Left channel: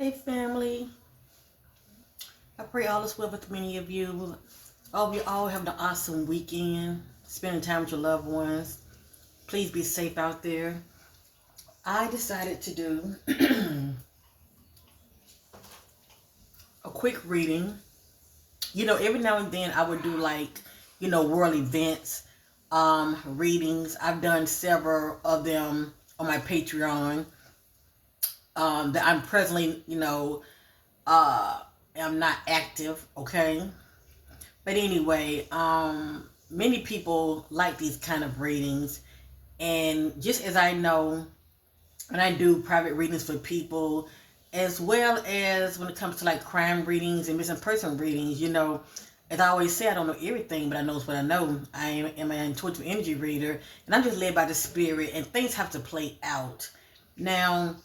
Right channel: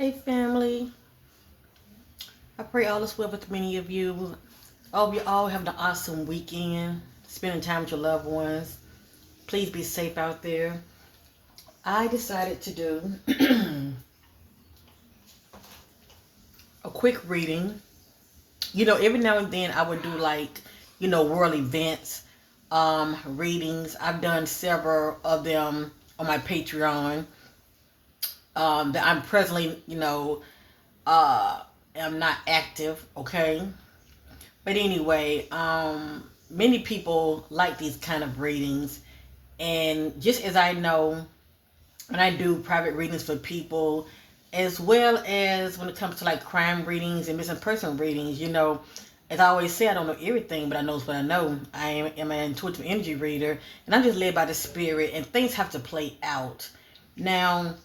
Hey family, I pray all is well with many of you. I hope you all have an awesome weekend, spending time with your loved ones. Please be safe out there. I decided to do a quick reading. Every now and then I would do world events, readings. I've done several of them on my Patreon. That I'm presently, uh, am not active, okay? But anyway, many people like these kind of readings, and just as I know, when I do private readings for people, as well as when it comes to like crime readings and missing person readings, as I always say, I don't know everything, but I know what I know. I am an intuitive energy reader, and I'm just led by the spirit, and things have to play out. Now,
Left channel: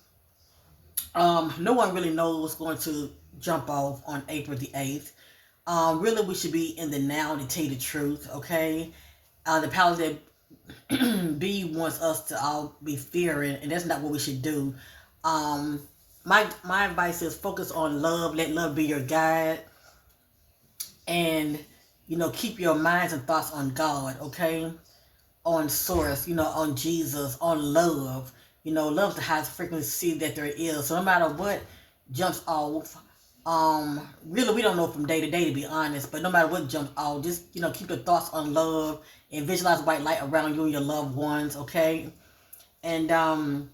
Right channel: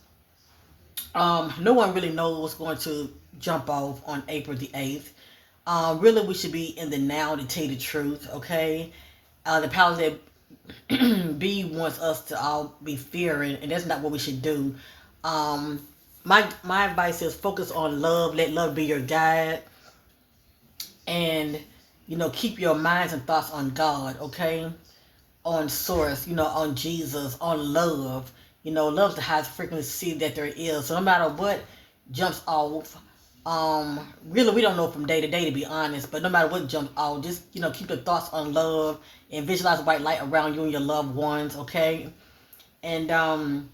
no one really knows what's going to jump off on April the 8th. Really, we should be in the now to tell you the truth, okay? The powers that be wants us to all be fearing, and that's not what we should do. Um, my advice is focus on love. Let love be your guide, and keep your minds and thoughts on God, okay? On source, on Jesus, on love. Love's the highest frequency that there is. So no matter what jumps off, really we don't know from day to day, to be honest, but no matter what jumps off, just keep the thoughts on love and visualize white light around you and your loved ones, okay? And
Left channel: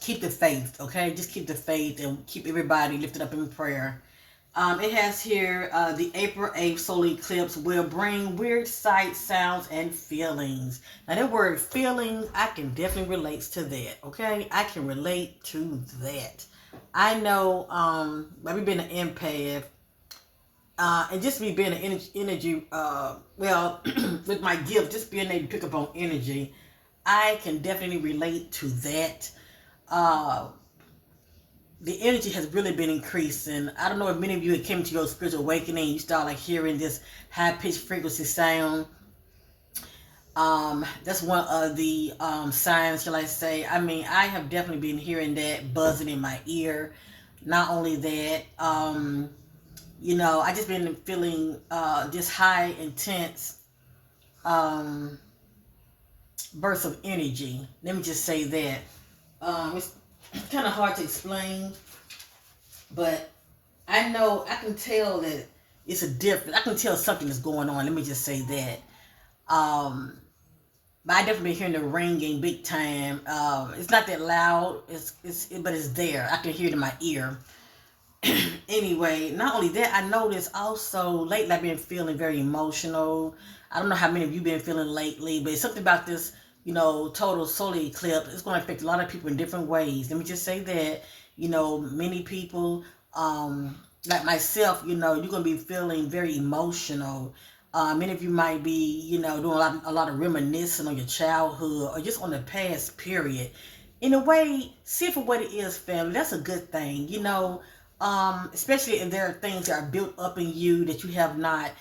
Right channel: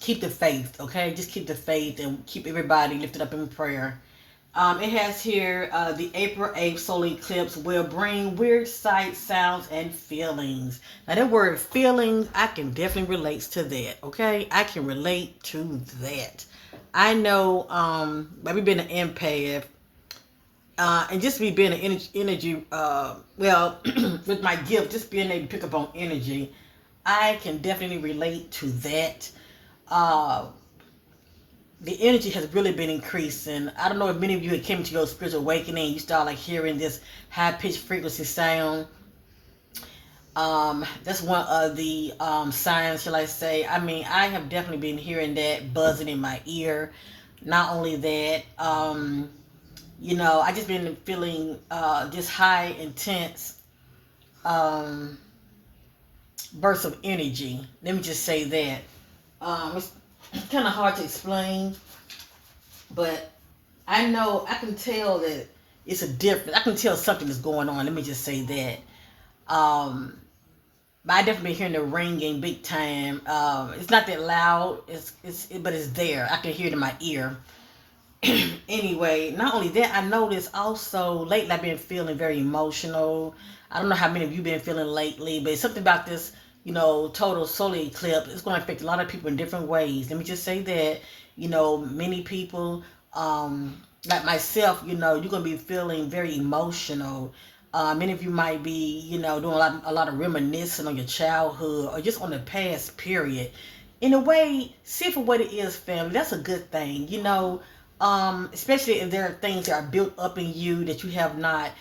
keep the faith, okay? Just keep the faith and keep everybody lifted up in prayer. It has here the April 8th solar eclipse will bring weird sights, sounds, and feelings. Now, that word feelings, I can definitely relate to that, okay? I can relate to that. I know, maybe being an empath, and just me being an energy, with my gift, just being able to pick up on energy, I can definitely relate to that. Uh, the energy has really been increasing. I don't know if many of you had came to your spiritual awakening, you start like hearing this high pitched frequency sound. That's one of the signs, shall I say. I mean, I have definitely been hearing that buzzing in my ear. Not only that, I just been feeling this high, intense um, burst of energy. Let me just say that. It's kind of hard to explain, but I know I can tell that it's a difference. I can tell something is going on. Let me just say that. But I definitely been hearing the ringing big time. It's not that loud. But it's there. I can hear it in my ear. Anyway, not only that, I noticed also lately I've been feeling very emotional. I don't know how many of you been feeling lately, but it's something about this, total solar eclipse. It's going to affect a lot of people in different ways. Let me just say that, many people, like myself, you're going to be feeling very emotional. Many of you might be, doing a lot of reminiscing on your childhood or just on the past period. In a way, see it for what it is, family. That's a good thing, especially if there are things that are built up in you that you have not,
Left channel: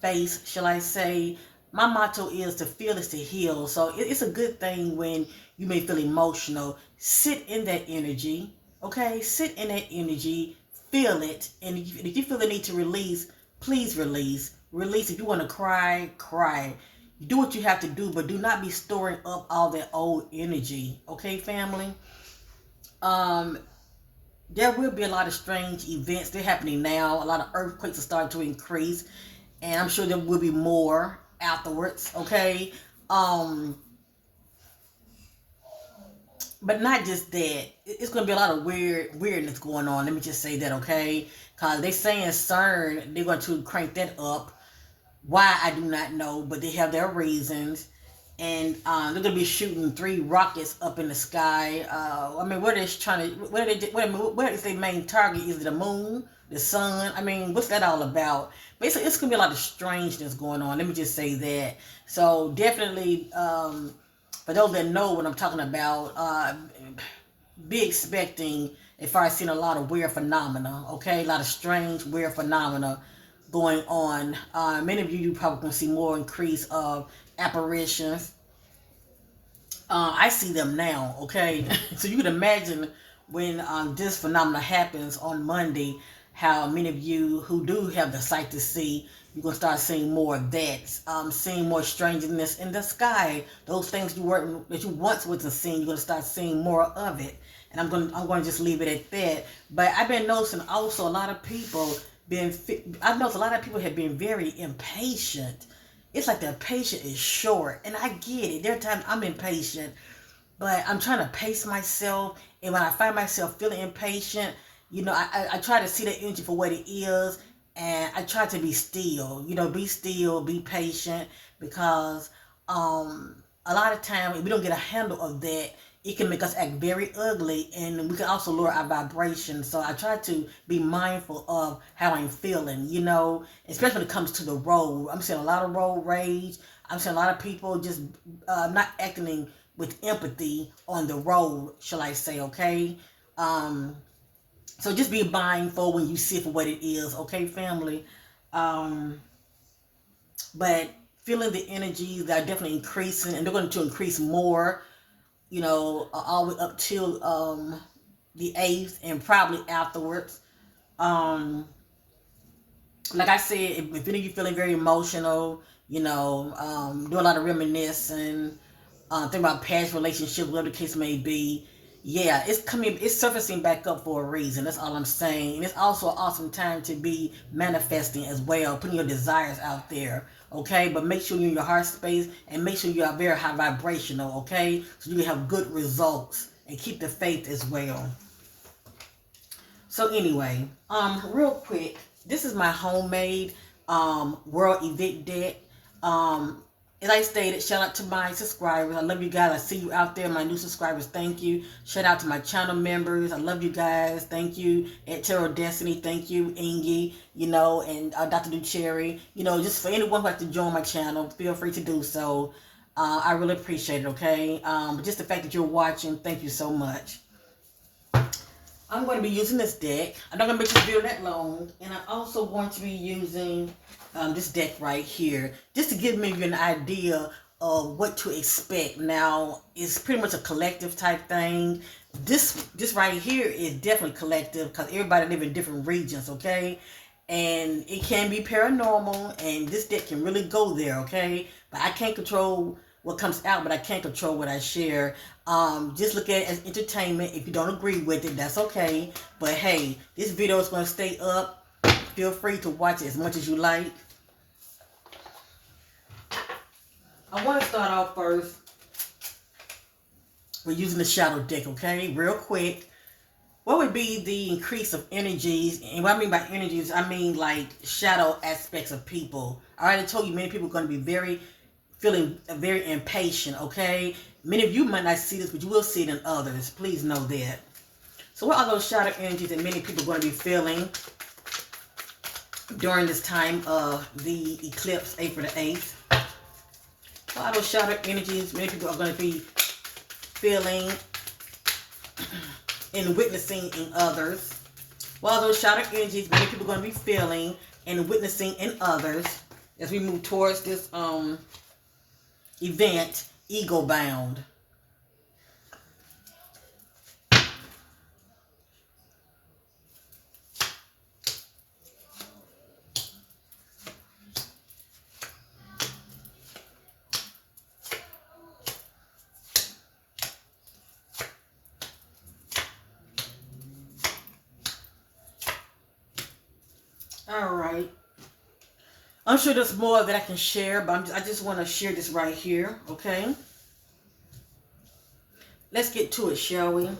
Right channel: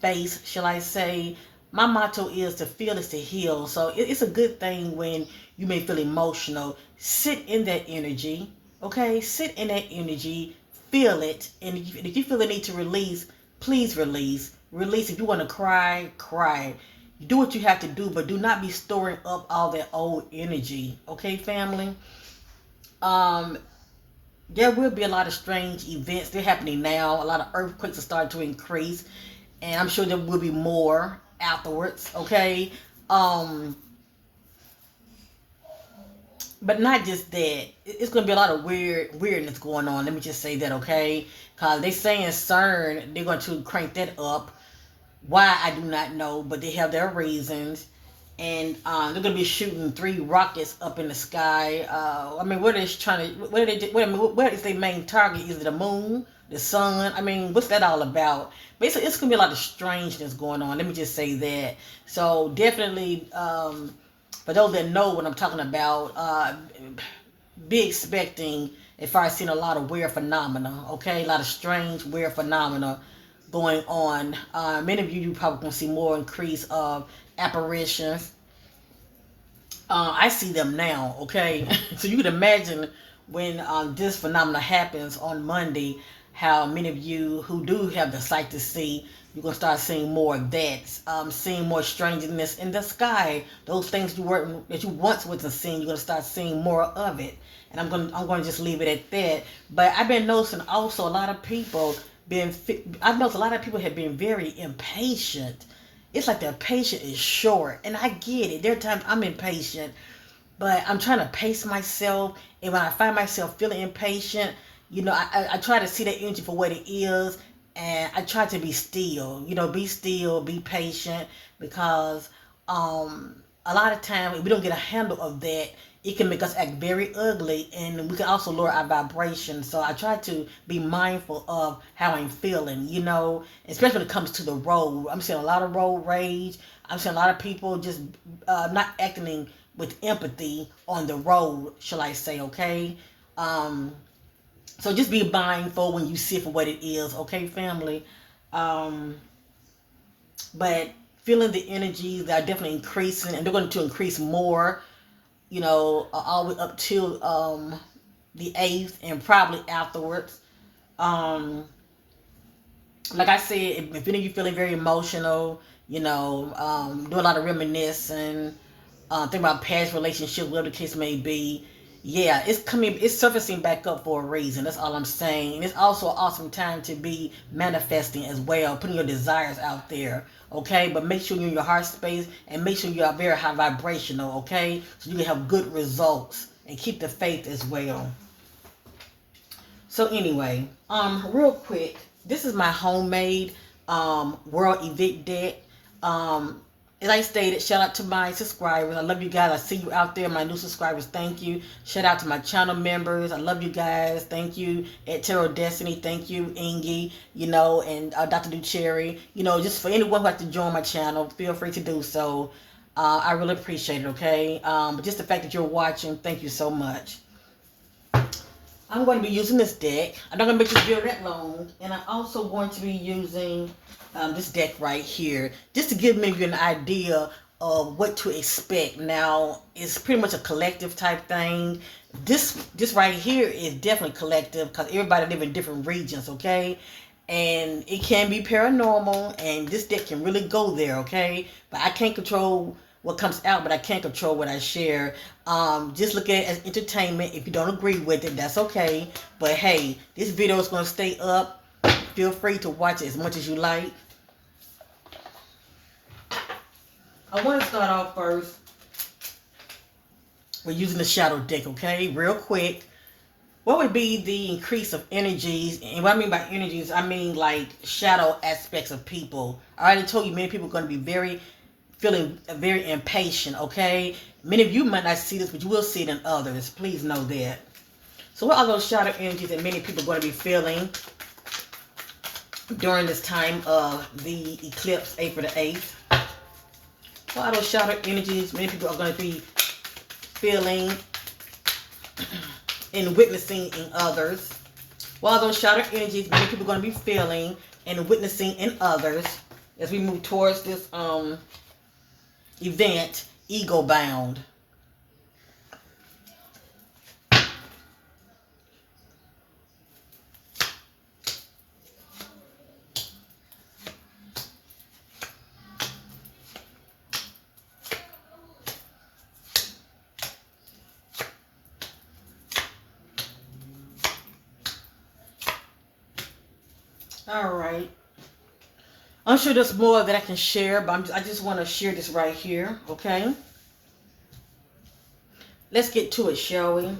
faced, shall I say. My motto is to feel is to heal. So it's a good thing when you may feel emotional. Sit in that energy, okay? Sit in that energy, feel it. And if you feel the need to release, please release. Release. If you want to cry, cry. Do what you have to do, but do not be storing up all that old energy, okay, family? Um, there will be a lot of strange events. They're happening now. A lot of earthquakes are starting to increase, and I'm sure there will be more afterwards. Okay, um, but not just that. It's going to be a lot of weirdness going on. Let me just say that, okay? Cause they saying CERN, they're going to crank that up. Why, I do not know, but they have their reasons. And they're gonna be shooting 3 rockets up in the sky. I mean, what is trying to? What is their main target? Is it the moon, the sun? I mean, what's that all about? Basically, it's gonna be a lot of strangeness going on. Let me just say that. So definitely, for those that know what I'm talking about, be expecting. As far as seeing a lot of weird phenomena, okay, a lot of strange, weird phenomena going on. Many of you probably gonna see more increase of apparitions. I see them now, okay? So you can imagine when this phenomena happens on Monday, how many of you who do have the sight to see, you're gonna start seeing more of that, seeing more strangeness in the sky. Those things that you once wasn't seeing, you're gonna start seeing more of it. And I'm gonna just leave it at that. But I've been noticing also a lot of people I've noticed a lot of people have been very impatient. It's like their patience is short, and I get it. There are times I'm impatient, but I'm trying to pace myself. And when I find myself feeling impatient, I try to see that energy for what it is, and I try to be still. Be still, be patient, because a lot of times if we don't get a handle of that, it can make us act very ugly, and we can also lower our vibration. So I try to be mindful of how I'm feeling, especially when it comes to the road. I'm seeing a lot of road rage. I'm seeing a lot of people just not acting with empathy on the road, shall I say, okay? So just be mindful when you see it for what it is, okay, family? Um, but feeling the energies that are definitely increasing, and they're going to increase more, all the way up till the 8th and probably afterwards. Um, like I said, if any of you feeling very emotional, do a lot of reminiscing, think about past relationships, whatever the case may be. Yeah, it's surfacing back up for a reason. That's all I'm saying. And it's also an awesome time to be manifesting as well, putting your desires out there. Okay, but make sure you're in your heart space, and make sure you are very high vibrational. Okay, so you can have good results, and keep the faith as well. So anyway, real quick, this is my homemade world event deck. Um, as I stated, shout out to my subscribers. I love you guys. I see you out there, my new subscribers. Thank you. Shout out to my channel members. I love you guys. Thank you. At Tarot Destiny. Thank you, Ingy. And Dr. Ducherry. Just for anyone who like to join my channel, feel free to do so. I really appreciate it. Okay. But just the fact that you're watching, thank you so much. I'm going to be using this deck. I'm not going to make this video that long. And I'm also going to be using this deck right here, just to give maybe an idea of what to expect. Now, it's pretty much a collective type thing. This right here is definitely collective, because everybody live in different regions, okay? And it can be paranormal, and this deck can really go there, okay? But I can't control what comes out, but I can't control what I share. Just look at it as entertainment. If you don't agree with it, that's okay. But hey, this video is going to stay up. Feel free to watch it as much as you like. I want to start off first with using the shadow deck, okay? Real quick. What would be the increase of energies? And what I mean by energies, I mean like shadow aspects of people. I already told you many people are going to be feeling very impatient, okay? Many of you might not see this, but you will see it in others. Please know that. So what are those shadow energies that many people are going to be feeling during this time of the eclipse, April the 8th? What are those shadow energies many people are going to be feeling and witnessing in others? What are those shadow energies many people are going to be feeling and witnessing in others as we move towards this event, Ego Bound? All right. I'm sure there's more that I can share, but I just want to share this right here, okay? Let's get to it, shall we?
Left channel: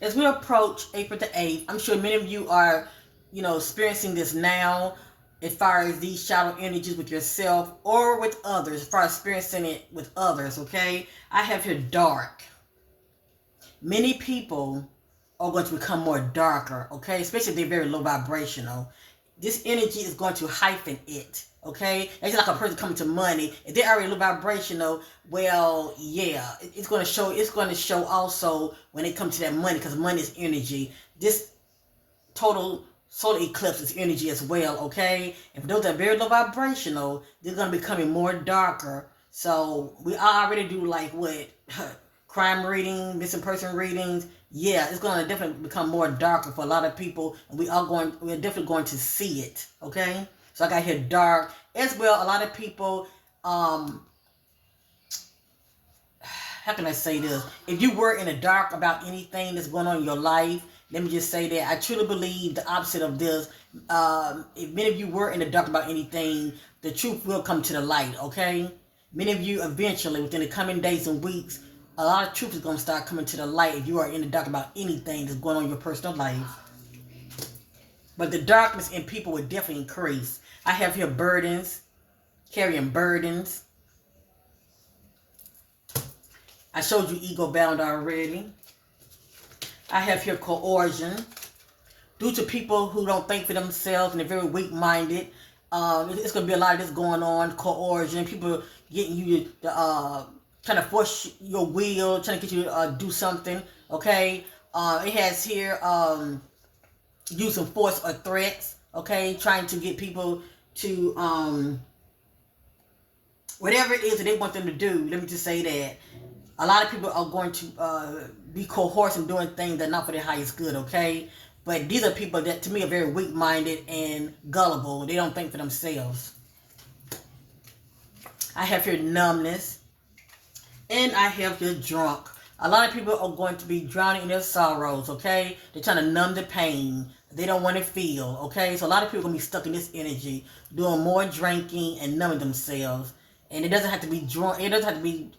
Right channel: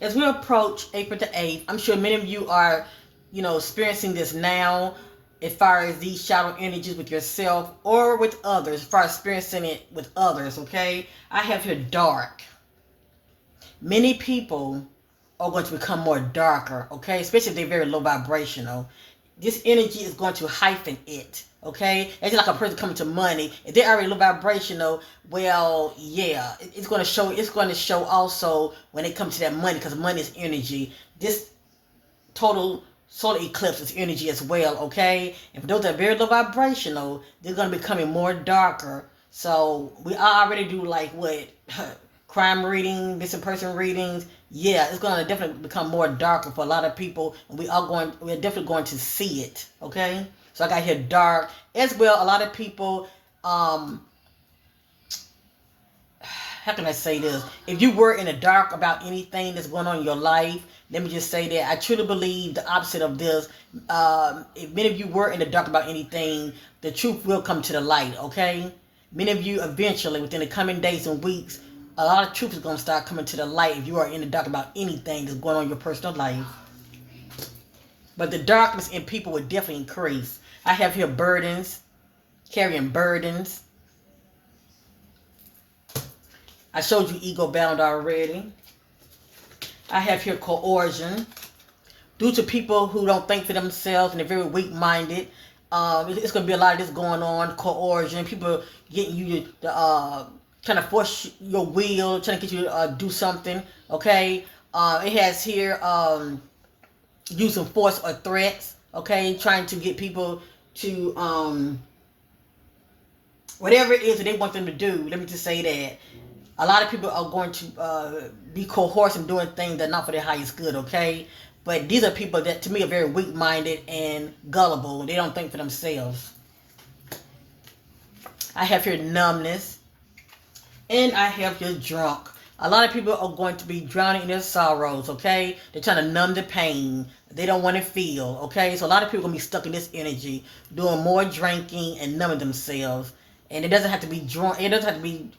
As we approach April the 8th, I'm sure many of you are, experiencing this now, as far as these shadow energies with yourself or with others, as far as experiencing it with others, okay? I have here dark. Many people are going to become more darker, okay? Especially if they're very low vibrational. This energy is going to heighten it, okay? It's like a person coming to money. If they're already low vibrational, well, yeah, it's going to show. It's going to show also when it comes to that money, because money is energy. This total solar eclipse is energy as well, okay? And for those that are very low vibrational, they're going to be becoming more darker. So we already do like what crime reading, missing person readings, Yeah, it's gonna definitely become more darker for a lot of people, and we're definitely going to see it. Okay, so I got here dark as well. A lot of people, how can I say this? If you were in the dark about anything that's going on in your life, let me just say that I truly believe the opposite of this. If many of you were in the dark about anything, the truth will come to the light, okay? Many of you eventually, within the coming days and weeks, a lot of truth is going to start coming to the light if you are in the dark about anything that's going on in your personal life. But the darkness in people will definitely increase. I have here burdens, carrying burdens. I showed you ego bound already. I have here coercion. Due to people who don't think for themselves and they're very weak-minded, it's going to be a lot of this going on. Coercion, people getting you to trying to force your will, trying to get you to do something. Okay, it has here using force or threats. Okay, trying to get people to whatever it is that they want them to do. Let me just say that a lot of people are going to be coerced and doing things that are not for their highest good, okay? But these are people that, to me, are very weak-minded and gullible. They don't think for themselves. I have here numbness. And I have here drunk. A lot of people are going to be drowning in their sorrows, okay? They're trying to numb the pain. They don't want to feel, okay? So a lot of people are going to be stuck in this energy, doing more drinking and numbing themselves. And it doesn't have to be drunk. It doesn't have to be,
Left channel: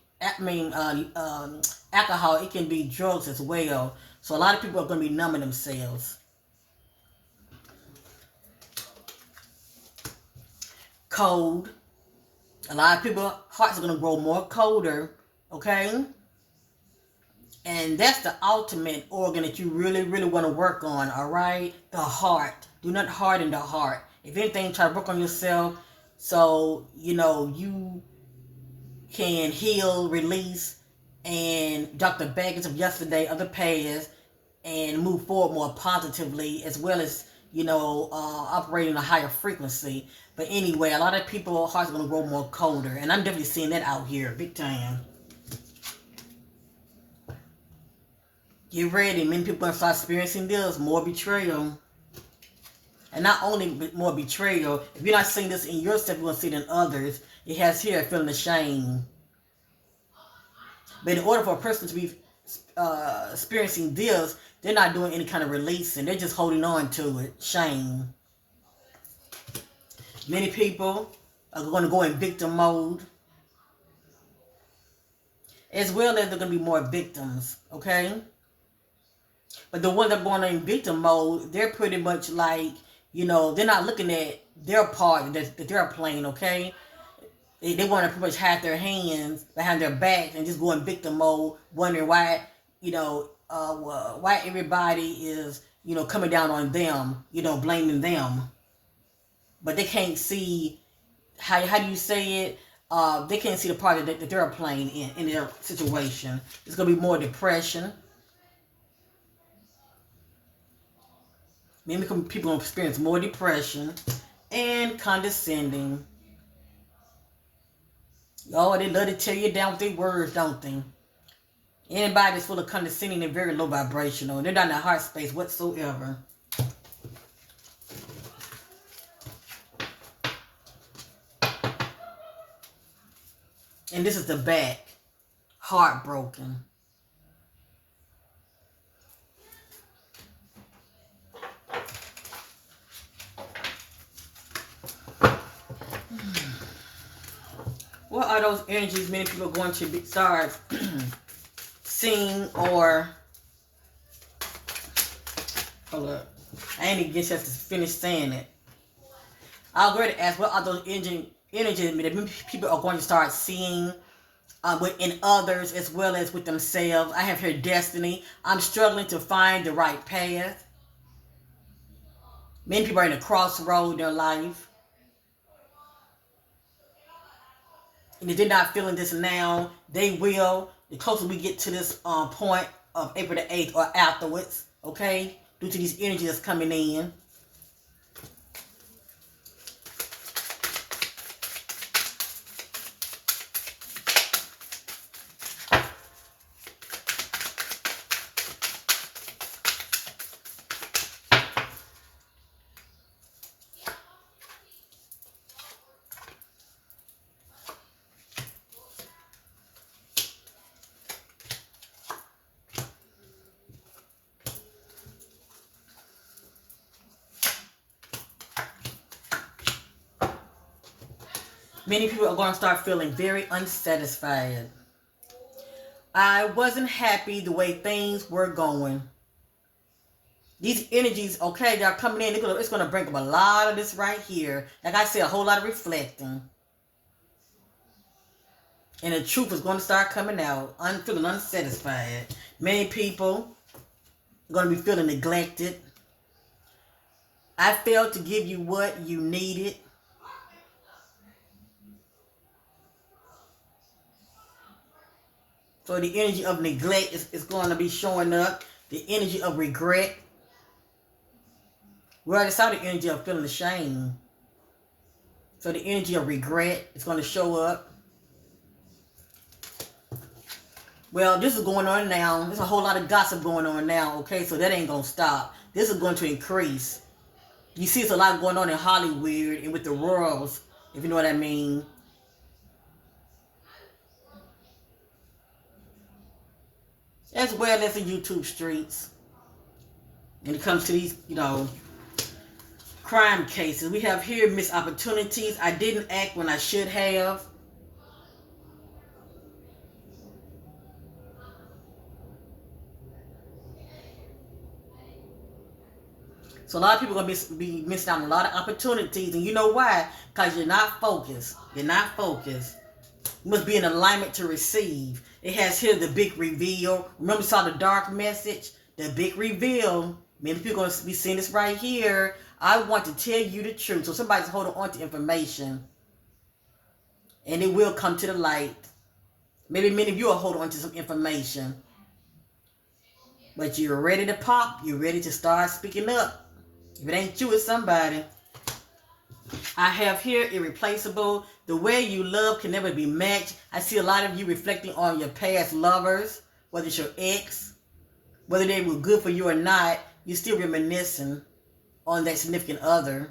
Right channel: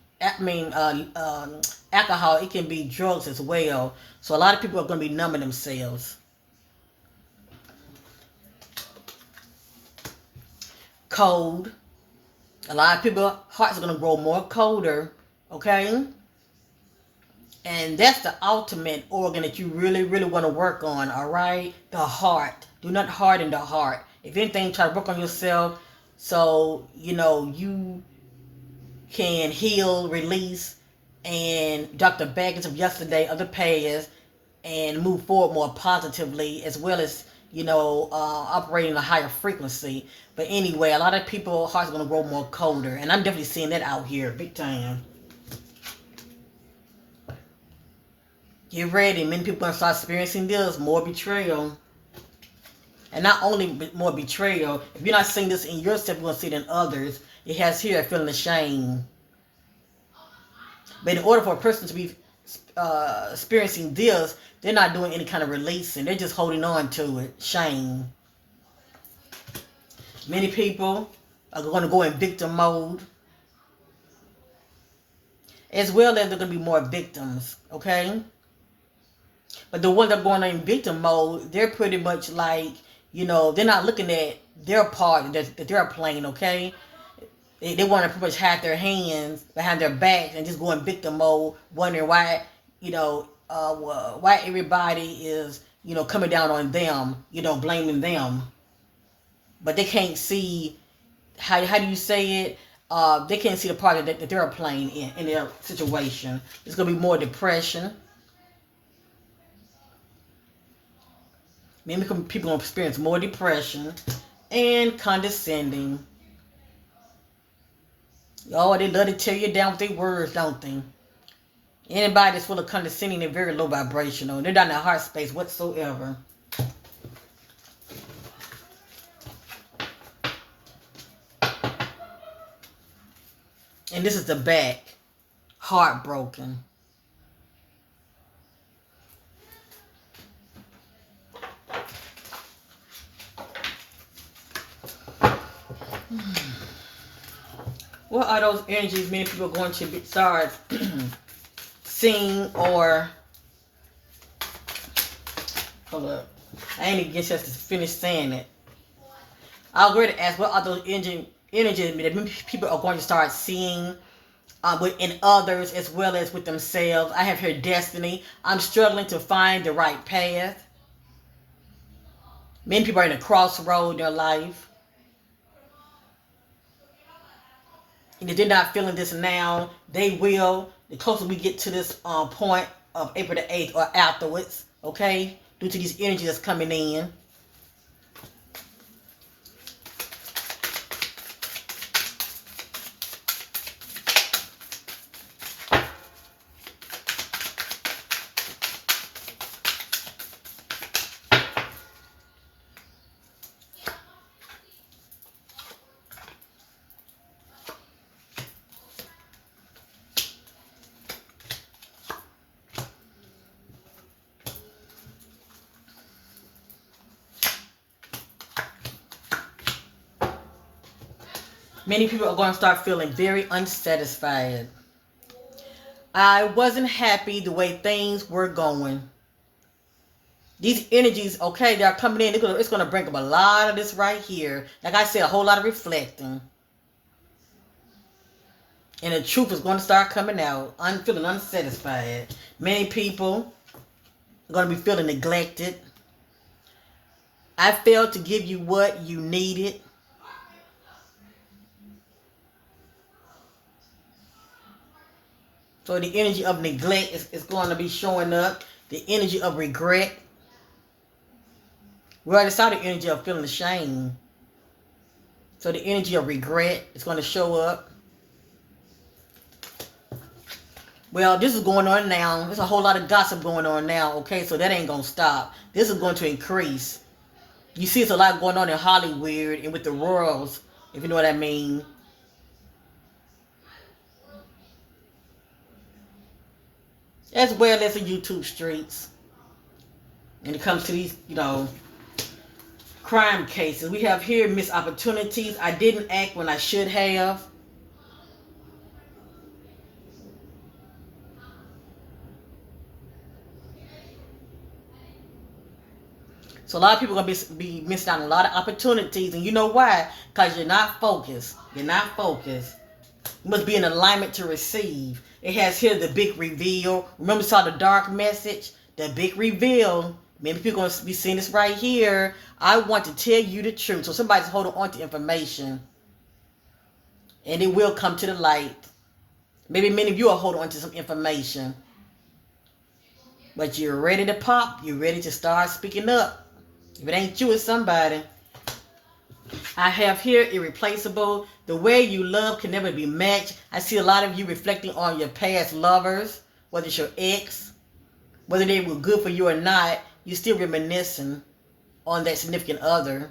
alcohol. It can be drugs as well. So a lot of people are going to be numbing themselves. Cold. A lot of people's hearts are going to grow more colder, okay? And that's the ultimate organ that you really, really want to work on, all right? The heart. Do not harden the heart. If anything, try to work on yourself so, you can heal, release, and drop the baggage of yesterday, of the past, and move forward more positively, as well as, operating a higher frequency. But anyway, a lot of people's hearts are going to grow more colder. And I'm definitely seeing that out here, big time. Get ready. Many people are going to start experiencing this. More betrayal. And not only more betrayal. If you're not seeing this in yourself, you're going to see it in others. It has here a feeling of shame. But in order for a person to be experiencing this, they're not doing any kind of releasing. They're just holding on to it. Shame. Many people are going to go in victim mode. As well as they're going to be more victims. Okay? But the ones that are going in victim mode, they're pretty much like, they're not looking at their part that they're playing, okay? They want to pretty much hide their hands behind their backs and just go in victim mode, wondering why, why everybody is, coming down on them, blaming them. But they can't see, how do you say it? They can't see the part that they're playing in their situation. It's going to be more depression. Maybe people will experience more depression and condescending. Oh, they love to tear you down with their words, don't they? Anybody that's full of condescending, they're very low vibrational. They're not in the heart space whatsoever. And this is the back. Heartbroken. What are those energies many people are going to start seeing or... Hold up. I ain't even get a chance to finish saying it. I'll go ahead and ask, what are those energies that people are going to start seeing in others as well as with themselves? I have here destiny. I'm struggling to find the right path. Many people are in a crossroad in their life. And if they're not feeling this now, they will. The closer we get to this point of April the 8th or afterwards, okay? Due to these energies that's coming in. Many people are going to start feeling very unsatisfied. I wasn't happy the way things were going. These energies, okay, they're coming in. It's going to bring up a lot of this right here. Like I said, a whole lot of reflecting. And the truth is going to start coming out. I'm feeling unsatisfied. Many people are going to be feeling neglected. I failed to give you what you needed. So the energy of neglect is going to be showing up. The energy of regret. We already saw the energy of feeling ashamed. So the energy of regret is going to show up. Well, this is going on now. There's a whole lot of gossip going on now, okay? So that ain't going to stop. This is going to increase. You see, it's a lot going on in Hollywood and with the royals, if you know what I mean. As well as the YouTube streets. When it comes to these, crime cases. We have here missed opportunities. I didn't act when I should have. So a lot of people are going to be missing out on a lot of opportunities. And you know why? Because you're not focused. You're not focused. You must be in alignment to receive. It has here the big reveal. Remember, saw the dark message? The big reveal. Many people are going to be seeing this right here. I want to tell you the truth. So somebody's holding on to information. And it will come to the light. Maybe many of you are holding on to some information. But you're ready to pop. You're ready to start speaking up. If it ain't you, it's somebody. I have here irreplaceable. The way you love can never be matched. I see a lot of you reflecting on your past lovers, whether it's your ex, whether they were good for you or not. You're still reminiscing on that significant other.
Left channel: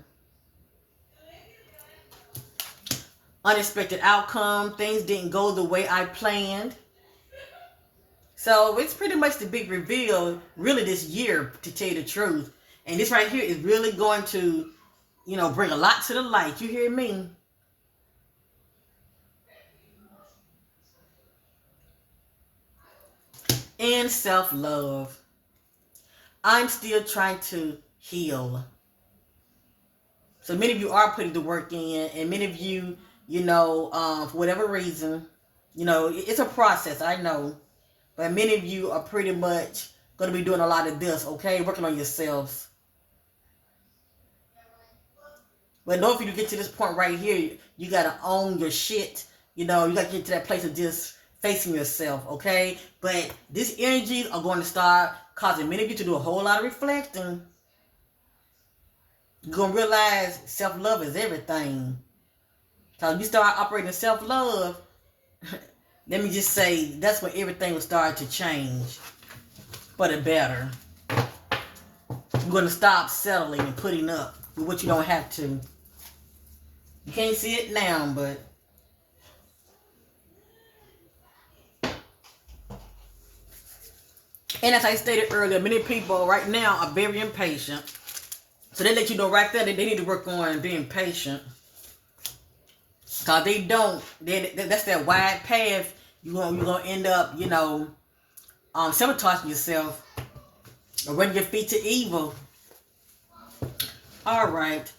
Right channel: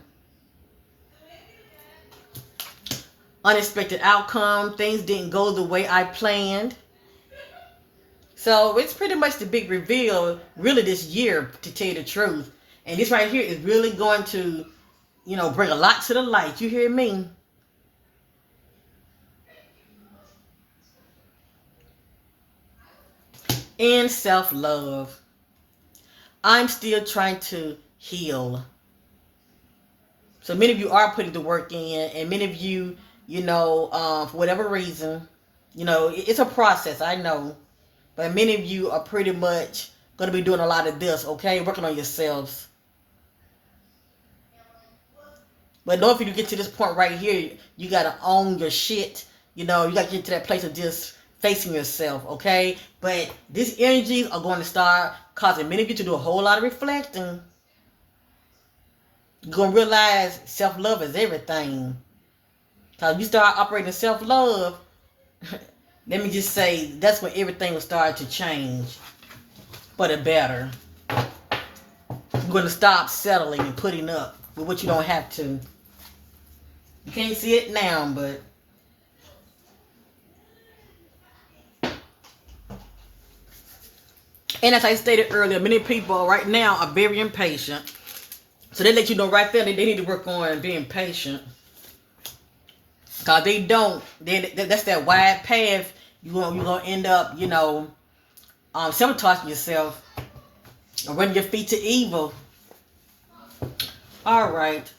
Unexpected outcome. Things didn't go the way I planned. So it's pretty much the big reveal, really, this year, to tell you the truth. And this right here is really going to, bring a lot to the light. You hear me? And self-love. I'm still trying to heal. So many of you are putting the work in, and many of you, for whatever reason, it's a process, I know. But many of you are pretty much going to be doing a lot of this, okay? Working on yourselves. But in order for you to get to this point right here, you got to own your shit. You got to get to that place of just facing yourself, okay? But these energies are going to start causing many of you to do a whole lot of reflecting. You're going to realize self-love is everything. Because you start operating self-love, let me just say, that's when everything will start to change for the better. You're going to stop settling and putting up with what you don't have to. You can't see it now, but and as I stated earlier, many people right now are very impatient. So they let you know right there that they need to work on being patient. Because they don't, that's that wide path. You're going to end up, sabotaging yourself or running your feet to evil. All right.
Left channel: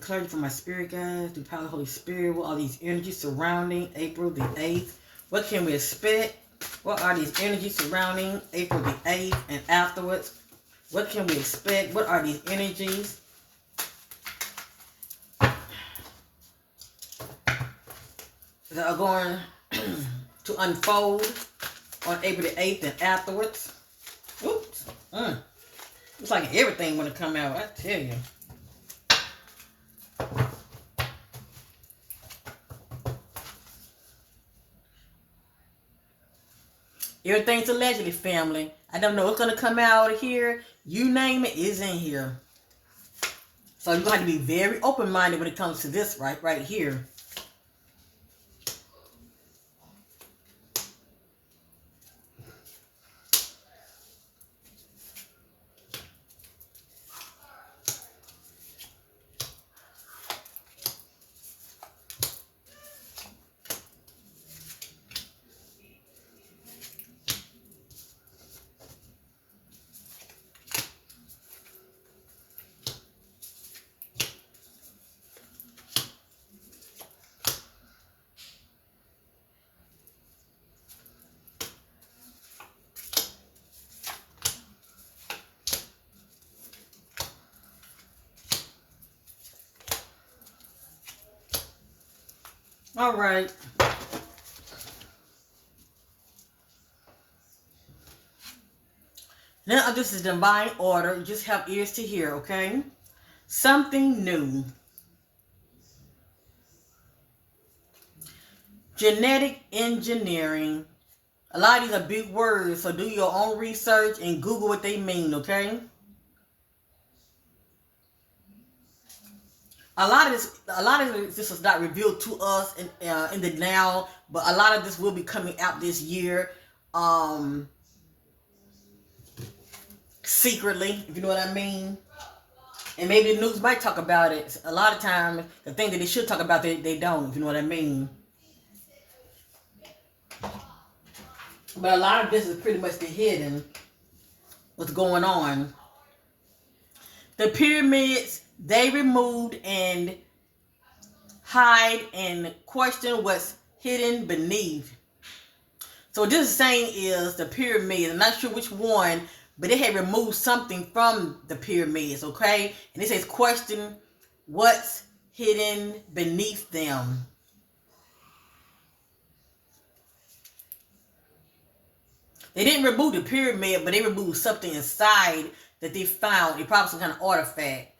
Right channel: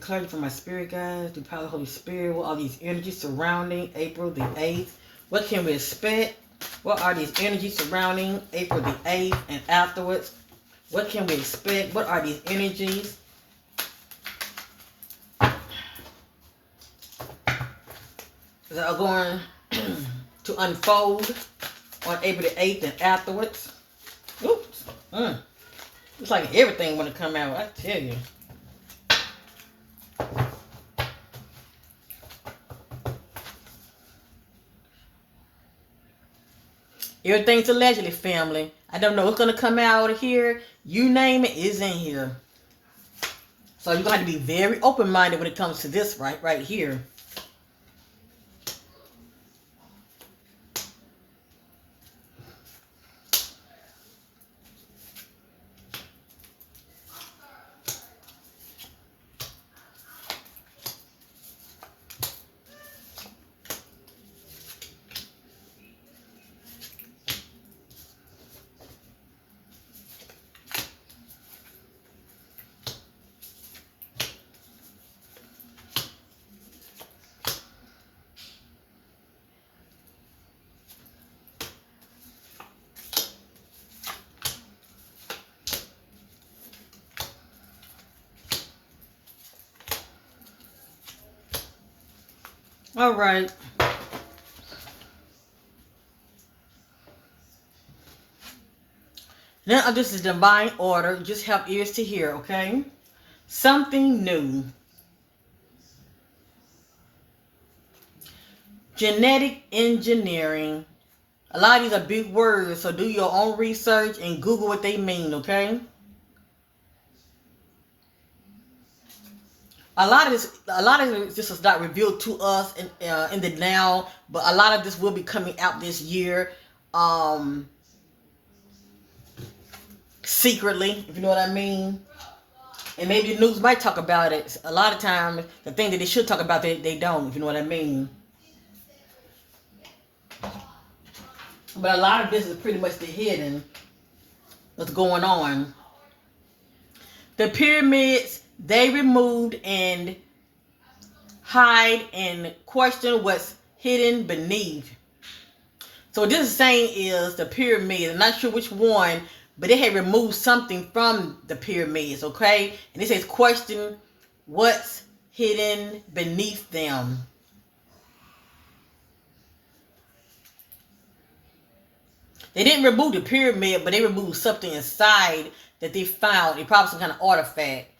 Clarity from my spirit guides, through the power of the Holy Spirit. What are these energies surrounding April the 8th? What can we expect? What are these energies surrounding April the 8th and afterwards? What can we expect? What are these energies? That are going to unfold on April the 8th and afterwards? Oops. It's like everything want to come out, I tell you. Everything's allegedly, family. I don't know what's going to come out of here. You name it, is in here. So you're going to have to be very open-minded when it comes to this right here. All right. Now this is divine order. Just have ears to hear, okay? Something new. Genetic engineering. A lot of these are big words, so do your own research and Google what they mean, okay? A lot of this is not revealed to us in the now, but a lot of this will be coming out this year, secretly, if you know what I mean. And maybe the news might talk about it. A lot of times, the thing that they should talk about, they don't, if you know what I mean. But a lot of this is pretty much the hidden, what's going on. The pyramids, they removed and hide and question what's hidden beneath. So what this is saying is the pyramids. I'm not sure which one, but they had removed something from the pyramids, okay? And it says question what's hidden beneath them. They didn't remove the pyramid, but they removed something inside that they found. It probably some kind of artifact.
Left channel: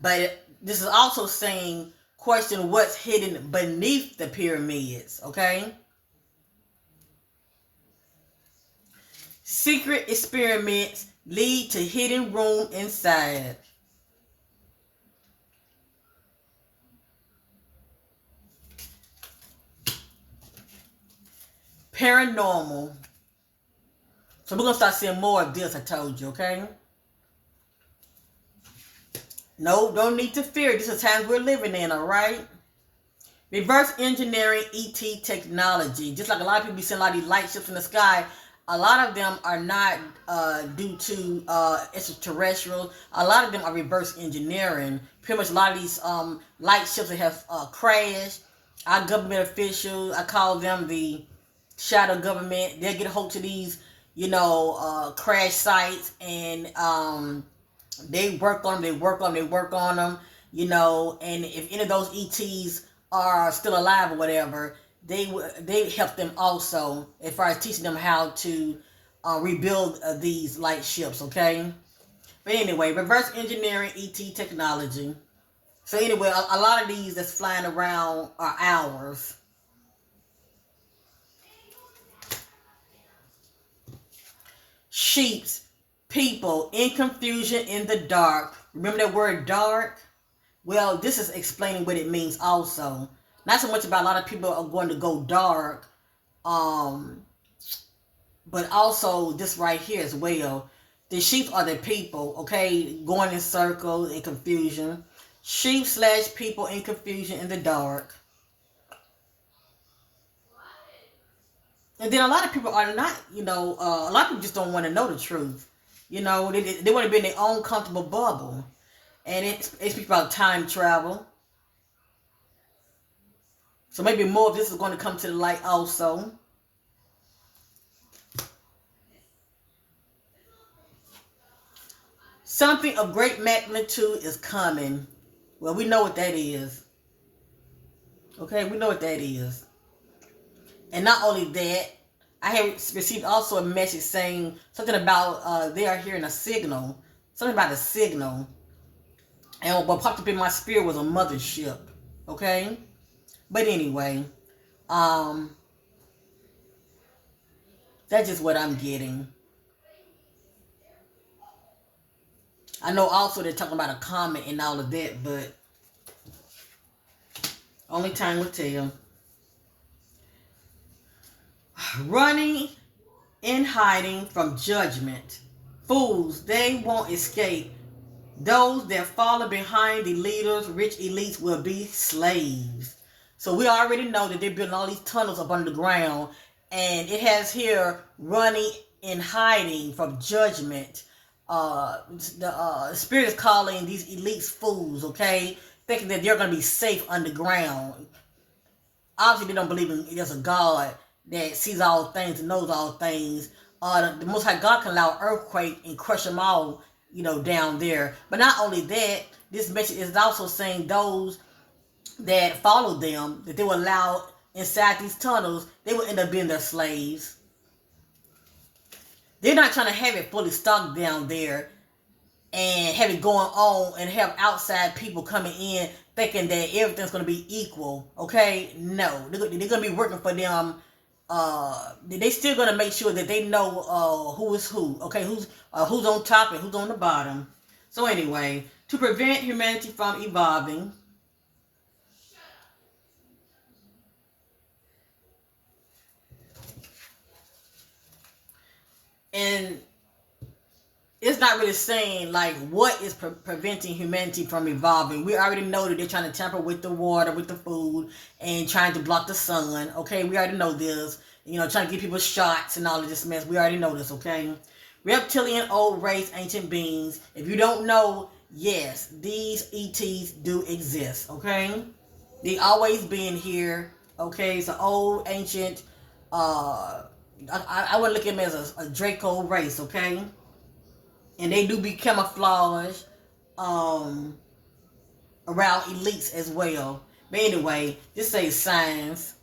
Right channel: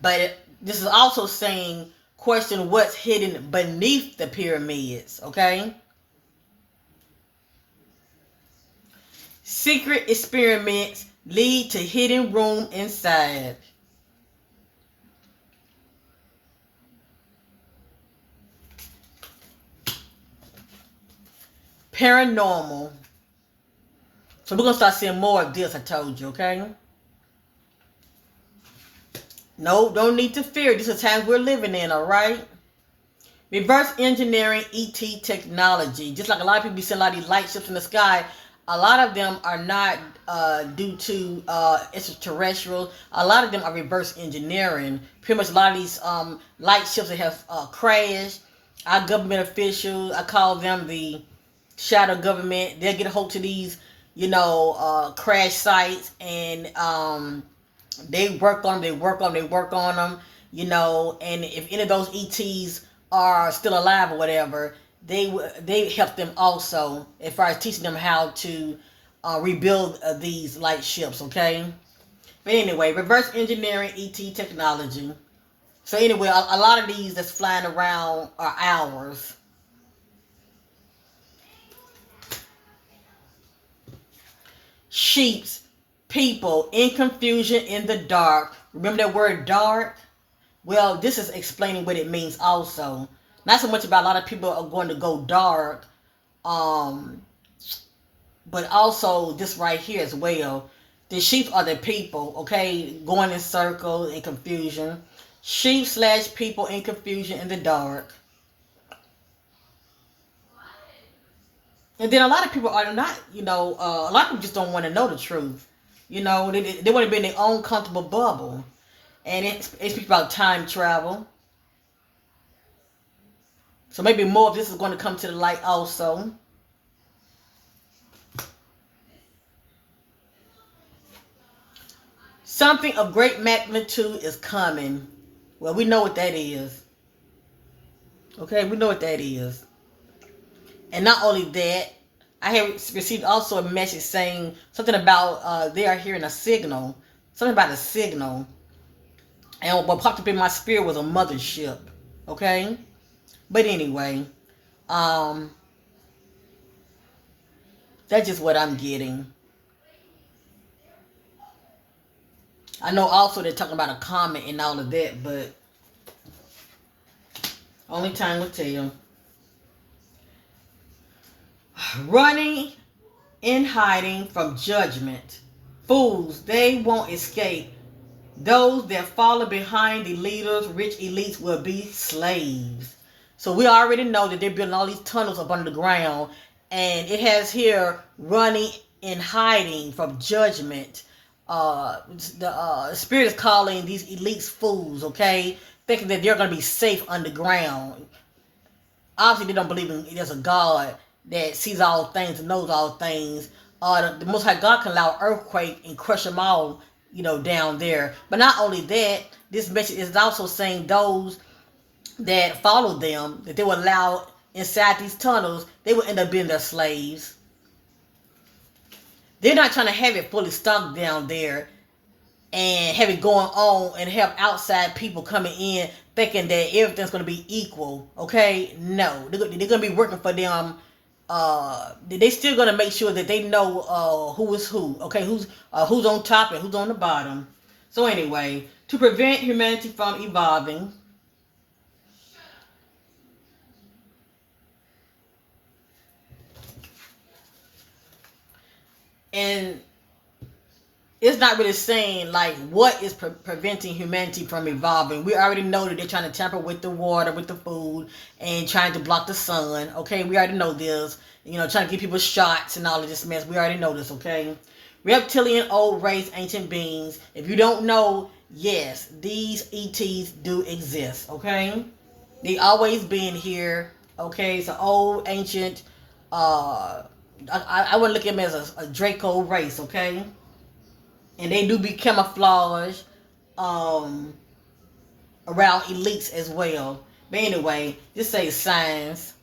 But this is also saying question what's hidden beneath the pyramids, okay? Secret experiments lead to hidden room inside. Paranormal. So we're going to start seeing more of this, I told you, okay? No, don't need to fear. This is the times we're living in, all right? Reverse engineering ET technology. Just like a lot of people be seeing a lot of these light ships in the sky, a lot of them are not due to extraterrestrial. A lot of them are reverse engineering. Pretty much a lot of these light ships that have crashed. Our government officials, I call them the shadow government. They'll get a hold to these, crash sites, and they work on them, and if any of those ETs are still alive or whatever, they help them also as far as teaching them how to rebuild these light ships, okay? But anyway, reverse engineering ET technology. So anyway, a lot of these that's flying around are ours. Sheeps, people in confusion in the dark. Remember that word dark? Well, this is explaining what it means also. Not so much about a lot of people are going to go dark, but also this right here as well. The sheep are the people, okay, going in circles in confusion. Sheep/people in confusion in the dark. And then a lot of people are not, a lot of people just don't want to know the truth. They want to be in their own comfortable bubble. And it speaks about time travel. So maybe more of this is going to come to the light also. Something of great magnitude is coming. Well, we know what that is. Okay, we know what that is. And not only that, I have received also a message saying something about they are hearing a signal. Something about a signal. And what popped up in my spirit was a mothership. Okay? But anyway, that's just what I'm getting. I know also they're talking about a comet and all of that, but only time will tell. Running and hiding from judgment. Fools, they won't escape. Those that follow behind the leaders, rich elites, will be slaves. So we already know that they're building all these tunnels up under the ground. And it has here running and hiding from judgment. The Spirit is calling these elites fools, okay? Thinking that they're going to be safe underground. Obviously, they don't believe there's a God that sees all things and knows all things. The Most High God can allow an earthquake and crush them all, down there. But not only that, this message is also saying those that follow them, that they will allow inside these tunnels, they will end up being their slaves. They're not trying to have it fully stocked down there and have it going on and have outside people coming in thinking that everything's going to be equal. Okay, no, they're going to be working for them. They still going to make sure that they know who is who. Okay, who's on top and who's on the bottom. So anyway, to prevent humanity from evolving, and it's not really saying like what is preventing humanity from evolving. We already know that they're trying to tamper with the water, with the food, and trying to block the sun. Okay, we already know this. You know, trying to give people shots and all of this mess. We already know this. Okay, reptilian, old race, ancient beings. If you don't know, yes, these ETs do exist. Okay, they always been here. Okay, it's an old, ancient. I would look at them as a Draco race. Okay, and they do be camouflaged um, around elites as well. But anyway, this says signs.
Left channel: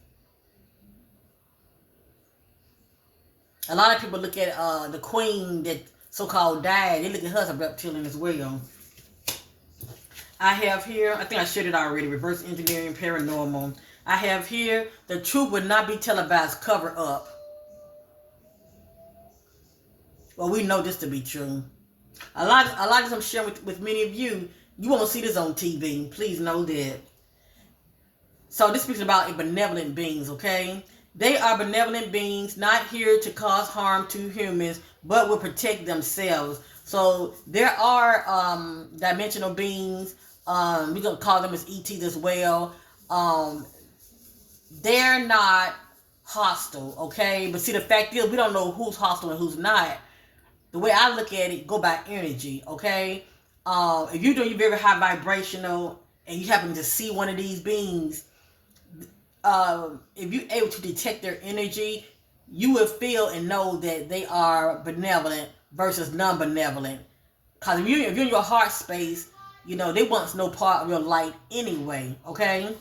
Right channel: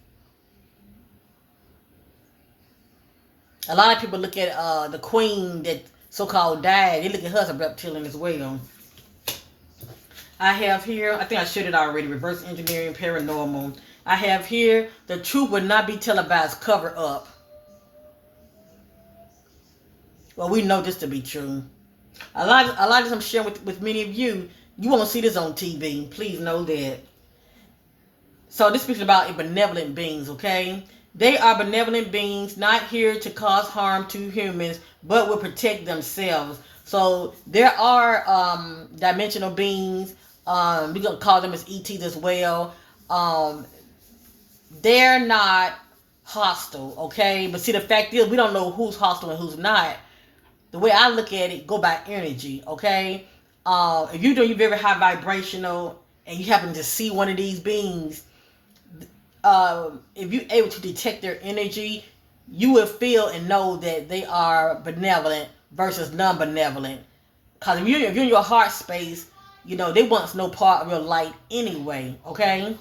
A lot of people look at the queen that so-called died. They look at her as a reptilian as well. I have here, I think I shared it already, reverse engineering, paranormal. I have here, the truth will not be televised, cover up. Well, we know this to be true. A lot of this I'm sharing with many of you, you won't see this on TV. Please know that. So this speaks about benevolent beings, okay? They are benevolent beings, not here to cause harm to humans, but will protect themselves. So there are dimensional beings. We're gonna call them as ETs as well. They're not hostile, okay? But see, the fact is, we don't know who's hostile and who's not. The way I look at it, go by energy, okay? If you're doing very high vibrational and you happen to see one of these beings, if you're able to detect their energy, you will feel and know that they are benevolent versus non-benevolent. Because if you're in your heart space, you know, they want no part of your light anyway, okay?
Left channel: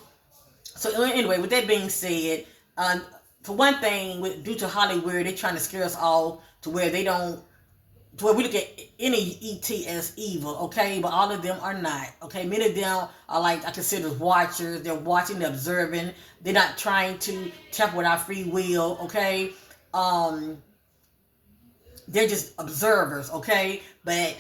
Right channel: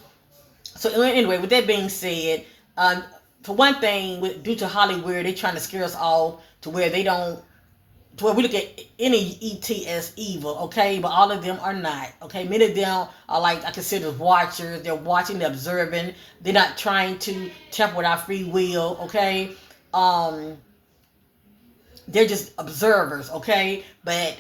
So anyway, with that being said, for one thing, due to Hollywood, they're trying to scare us off to where they don't, to where we look at any ET as evil, okay? But all of them are not, okay? Many of them are like, I consider watchers. They're watching, they're observing. They're not trying to tamper with our free will, okay? They're just observers, okay? But,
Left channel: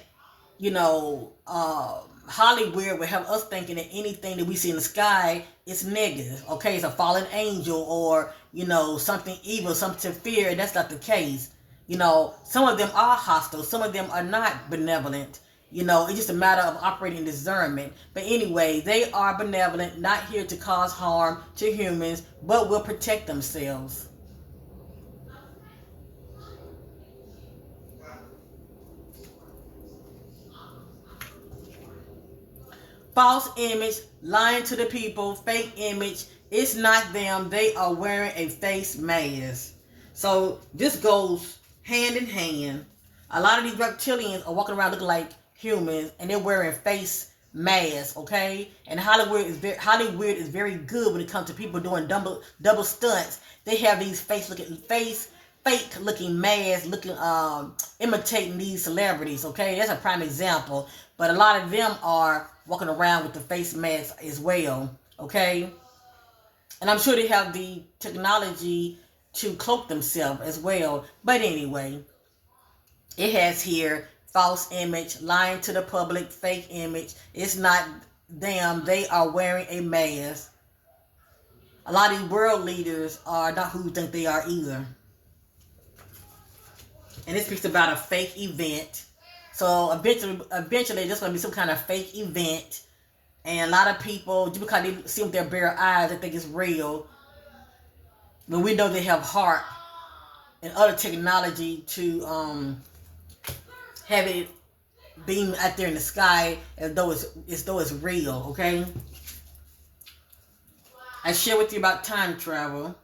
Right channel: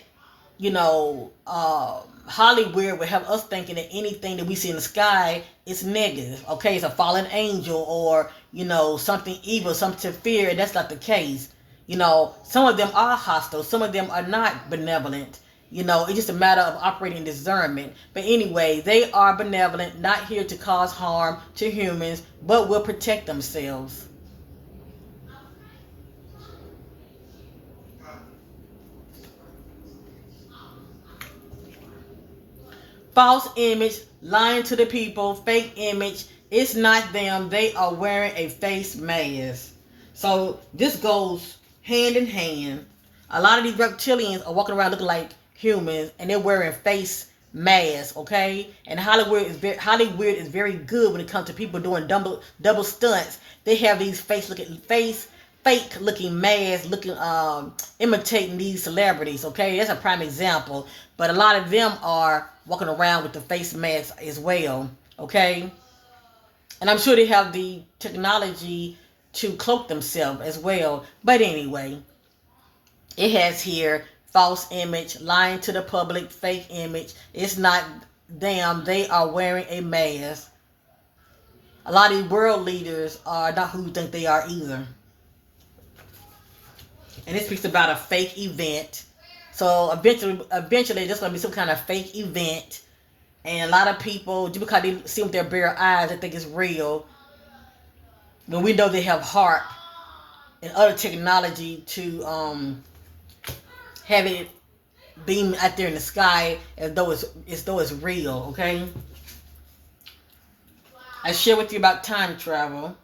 you know, Hollywood would have us thinking that anything that we see in the sky is negative, okay? It's a fallen angel or, you know, something evil, something to fear. That's not the case. You know, some of them are hostile. Some of them are not benevolent. You know, it's just a matter of operating discernment. But anyway, they are benevolent, not here to cause harm to humans, but will protect themselves. False image, lying to the people, fake image. It's not them. They are wearing a face mask. So this goes hand in hand. A lot of these reptilians are walking around looking like humans, and they're wearing face masks. Okay, and Hollywood is very good when it comes to people doing double stunts. They have these fake looking masks, looking imitating these celebrities. Okay, that's a prime example. But a lot of them are walking around with the face masks as well. Okay, and I'm sure they have the technology to cloak themselves as well. But anyway, it has here false image, lying to the public, fake image. It's not them. They are wearing a mask. A lot of these world leaders are not who you think they are either. And it speaks about a fake event. So eventually there's going to be some kind of fake event. And a lot of people, just because they see with their bare eyes, they think it's real. But we know they have heart and other technology to have it beam out there in the sky as though it's real, okay? I share with you about time travel.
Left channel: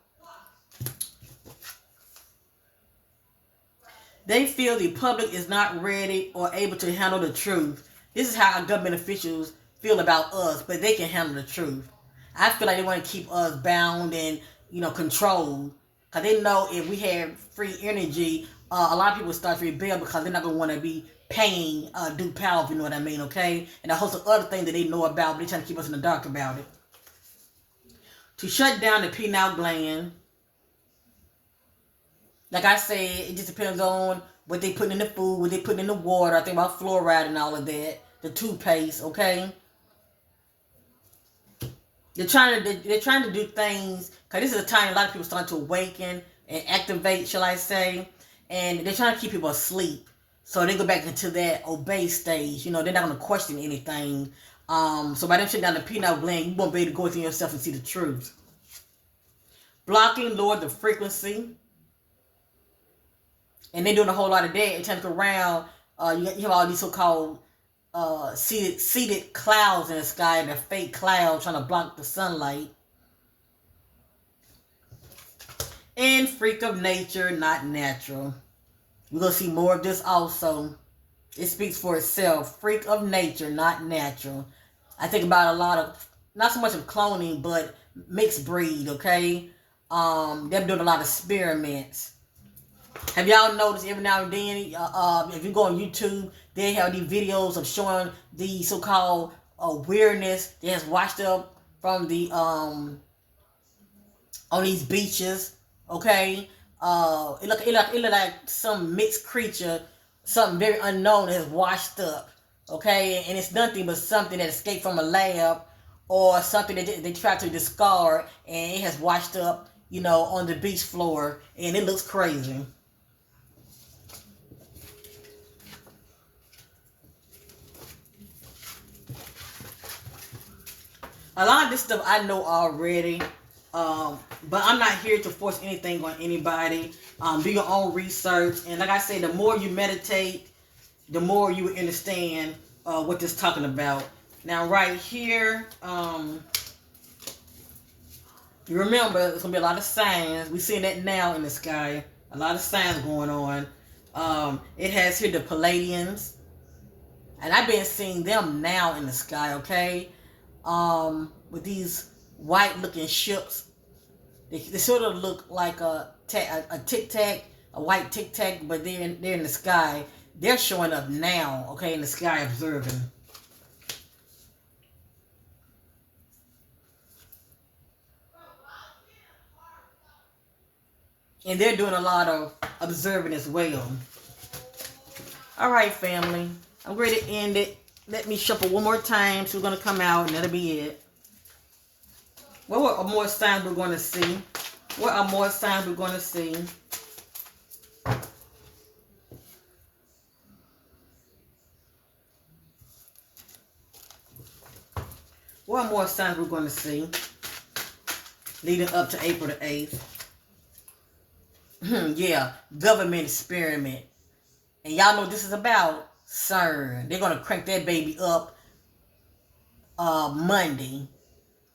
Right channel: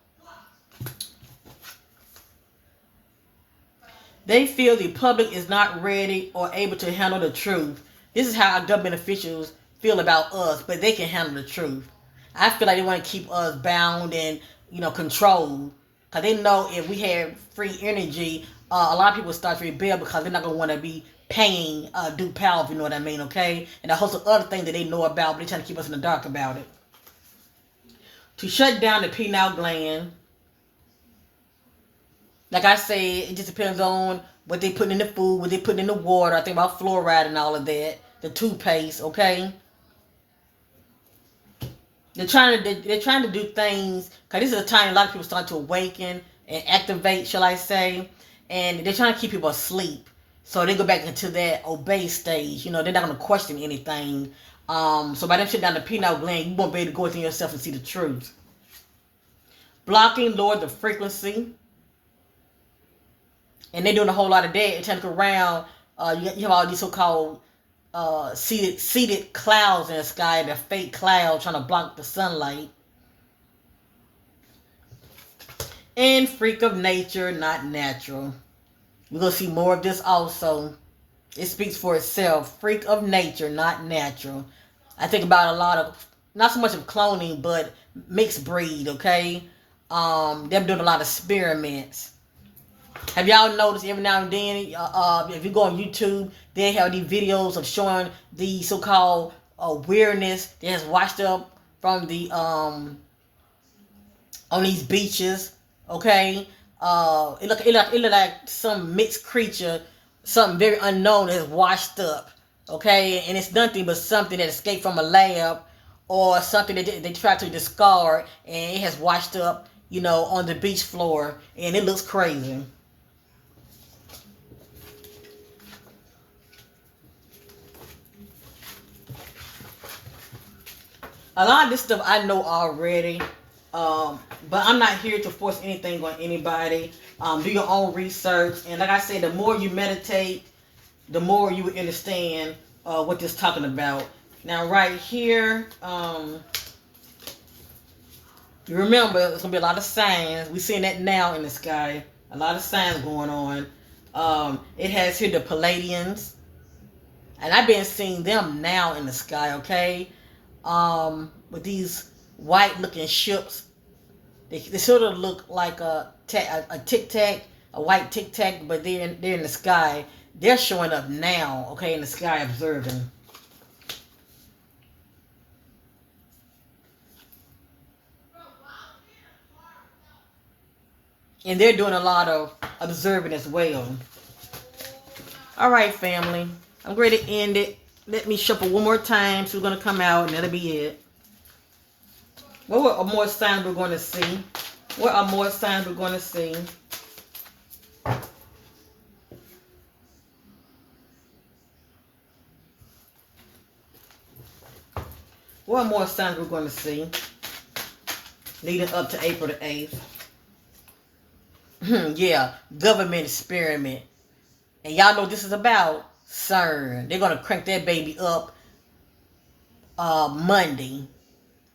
They feel the public is not ready or able to handle the truth. This is how our government officials feel about us, but they can handle the truth. I feel like they want to keep us bound and, controlled. Because they know if we have free energy, a lot of people start to rebel because they're not going to want to be paying due power, if you know what I mean, okay? And a host of other things that they know about, but they're trying to keep us in the dark about it. To shut down the pineal gland, like I said, it just depends on what they put in the food, what they put in the water. I think about fluoride and all of that. The toothpaste, okay? They're trying to do things because this is a time a lot of people start to awaken and activate, shall I say, and they're trying to keep people asleep. So they go back into that obey stage. They're not going to question anything. So by them shutting down the pineal gland, you won't be able to go within yourself and see the truth. Blocking, lower the frequency. And they're doing a whole lot of that. And trying to go around, you have all these so-called seeded clouds in the sky, the fake clouds trying to block the sunlight. And freak of nature, not natural. We're going to see more of this also. It speaks for itself. Freak of nature, not natural. I think about a lot of, not so much of cloning, but mixed breed, okay? They're doing a lot of experiments. Have y'all noticed every now and then, if you go on YouTube, they have these videos of showing the so-called weirdness that has washed up from the on these beaches. Okay, it look like some mixed creature, something very unknown has washed up. Okay, and it's nothing but something that escaped from a lab or something that they tried to discard, and it has washed up, on the beach floor, and it looks crazy. A lot of this stuff I know already, but I'm not here to force anything on anybody. Do your own research, and like I said, the more you meditate, the more you will understand what this is talking about. Now, right here, you remember there's gonna be a lot of signs. We're seeing that now in the sky. A lot of signs going on. It has here the Palladians, and I've been seeing them now in the sky. Okay. With these white looking ships. They sort of look like a tic tac, a white tic tac, but they're in the sky. They're showing up now, okay, in the sky observing. And they're doing a lot of observing as well. All right, family. I'm ready to end it. Let me shuffle one more time. So we're going to come out, and that'll be it. What are more signs we're going to see? What are more signs we're going to see? What are more signs we're going to see leading up to April the 8th? Yeah, government experiment. And y'all know what this is about? CERN. They're going to crank that baby up Monday.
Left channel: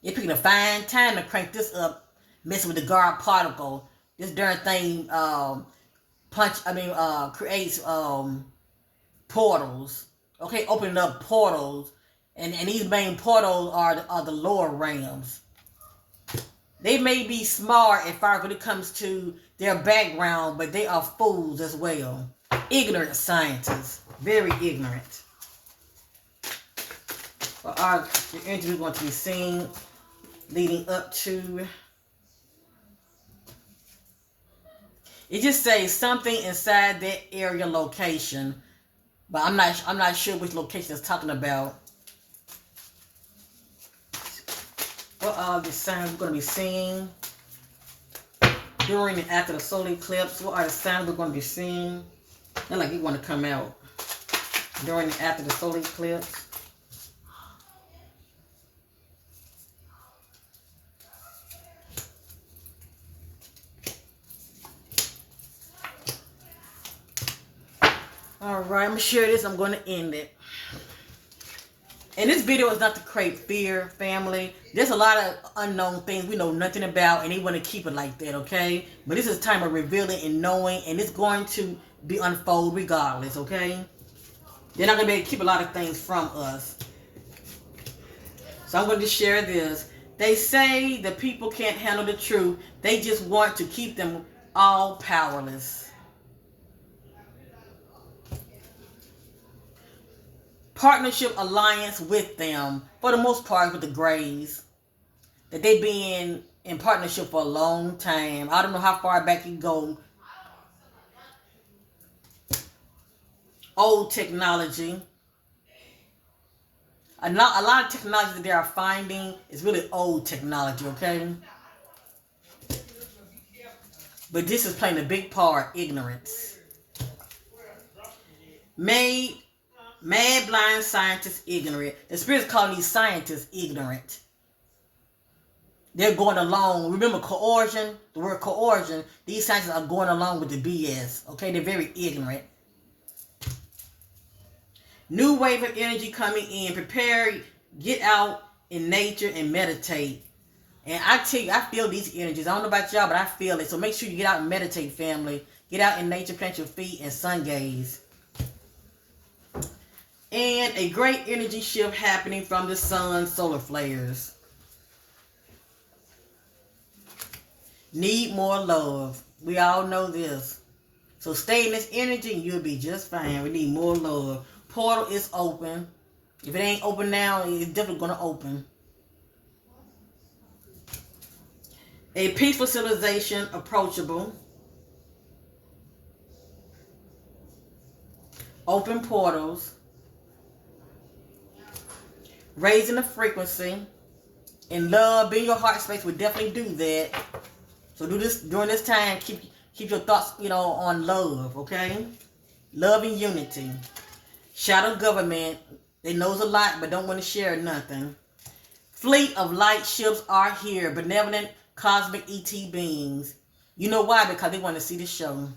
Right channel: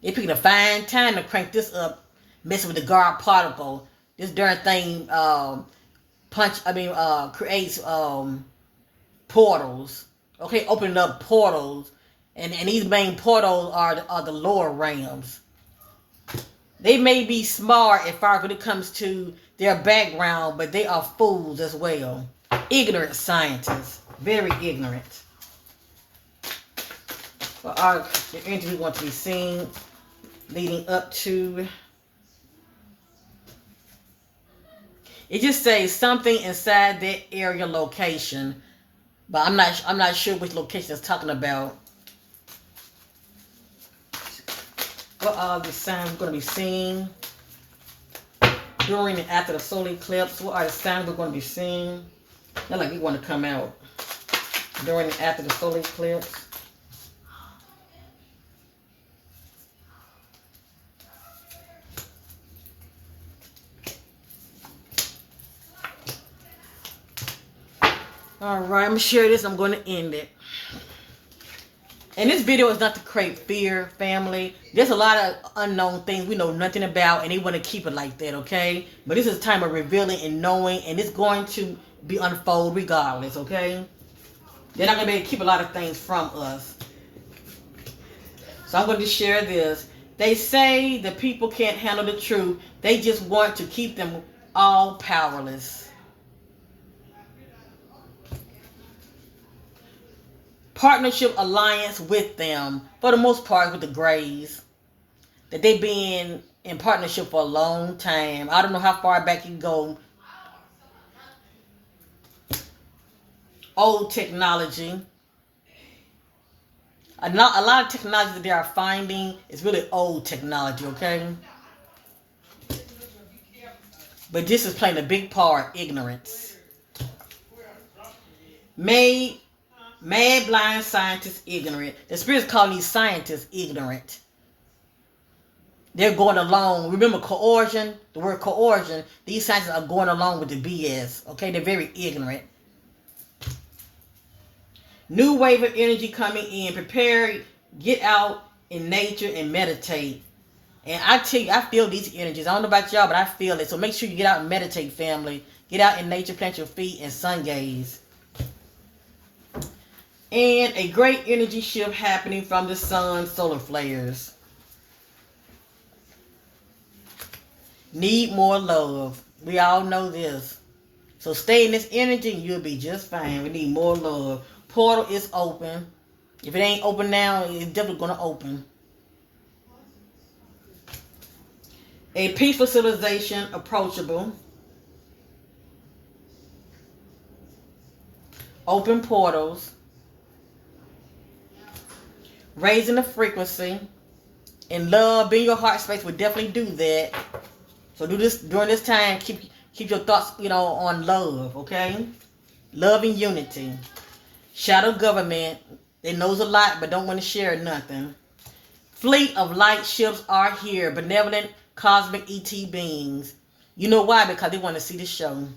They picking a fine time to crank this up, messing with the guard particle. This darn thing creates portals. Okay, opening up portals. And these main portals are the lower realms. They may be smart as far as when it comes to their background, but they are fools as well. Ignorant scientists. Very ignorant. Well, the energy we're going to be seeing leading up to. It just says something inside that area location, but I'm not sure which location it's talking about. What are the signs we're going to be seeing during and after the solar eclipse? What are the signs we're going to be seeing? Not like we want to come out during and after the solar eclipse. All right, I'm going to share this. I'm going to end it. And this video is not to create fear, family. There's a lot of unknown things we know nothing about, and they want to keep it like that, okay? But this is a time of revealing and knowing, and it's going to be unfold regardless, okay? They're not going to be able to keep a lot of things from us. So I'm going to share this. They say the people can't handle the truth. They just want to keep them all powerless. Partnership alliance with them, for the most part, with the Grays. That they've been in partnership for a long time. I don't know how far back you go. Old technology. A lot of technology that they are finding is really old technology, okay? But this is playing a big part, ignorance. Mad, blind scientists ignorant. The spirit's calling these scientists ignorant. They're going along. Remember coercion? The word coercion. These scientists are going along with the BS, okay? They're very ignorant. New wave of energy coming in. Prepare, get out in nature and meditate. And I tell you, I feel these energies. I don't know about y'all, but I feel it. So make sure you get out and meditate, family. Get out in nature, plant your feet, and sun gaze. And a great energy shift happening from the sun's solar flares. Need more love. We all know this. So stay in this energy and you'll be just fine. We need more love. Portal is open. If it ain't open now, it's definitely going to open. A peaceful civilization approachable. Open portals. Raising the frequency. And love, being your heart space will definitely do that. So do this during this time. Keep your thoughts, on love, okay? Love and unity. Shadow government. They knows a lot but don't want to share nothing. Fleet of light ships are here. Benevolent cosmic ET beings. You know why? Because they want to see the show.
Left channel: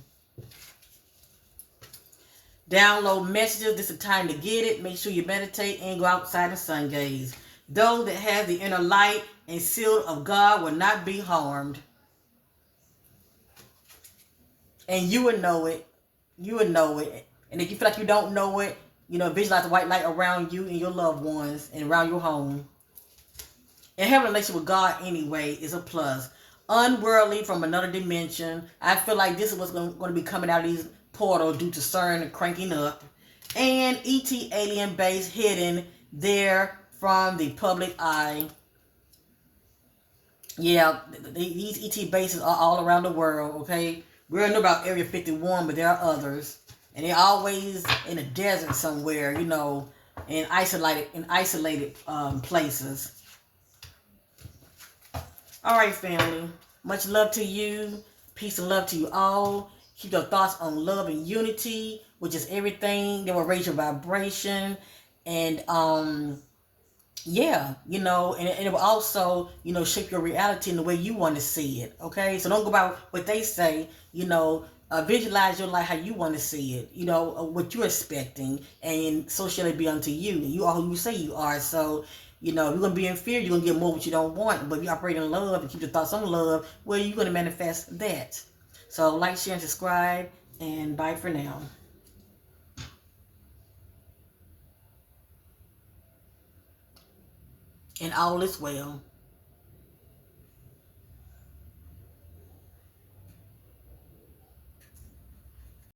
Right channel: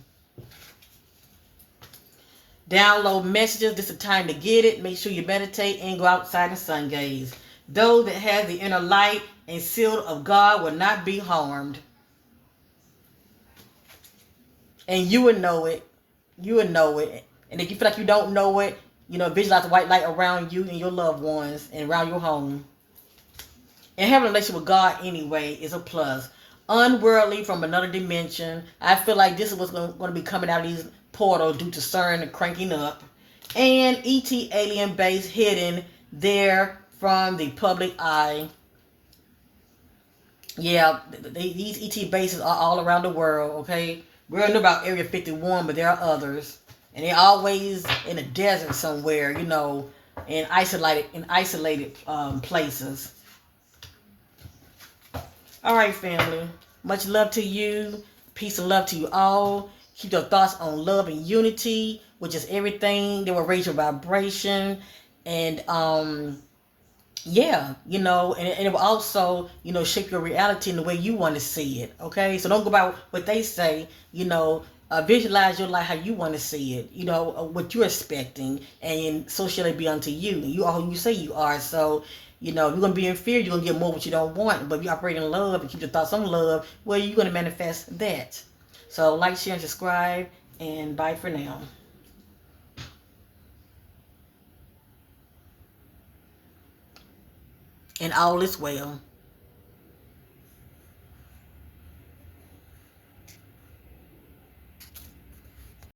Download messages. This is the time to get it. Make sure you meditate and go outside and sun gaze. Those that have the inner light and seal of God will not be harmed. And you would know it. You would know it. And if you feel like you don't know it, visualize the white light around you and your loved ones and around your home. And having a relationship with God anyway is a plus. Unworldly from another dimension. I feel like this is what's going to be coming out of these portals due to CERN and cranking up. And ET alien base hidden there from the public eye. Yeah, these ET bases are all around the world, okay? We don't know about Area 51, but there are others. And they're always in a desert somewhere, in isolated places. All right, family. Much love to you. Peace and love to you all. Keep your thoughts on love and unity, which is everything that will raise your vibration. And, and it will also, shape your reality in the way you want to see it, okay? So don't go by what they say, visualize your life how you want to see it, what you're expecting, and so shall it be unto you. You are who you say you are. So, you're going to be in fear, you're going to get more what you don't want. But if you operate in love and keep your thoughts on love, well, you're going to manifest that. So like, share, and subscribe, and bye for now. And all is well.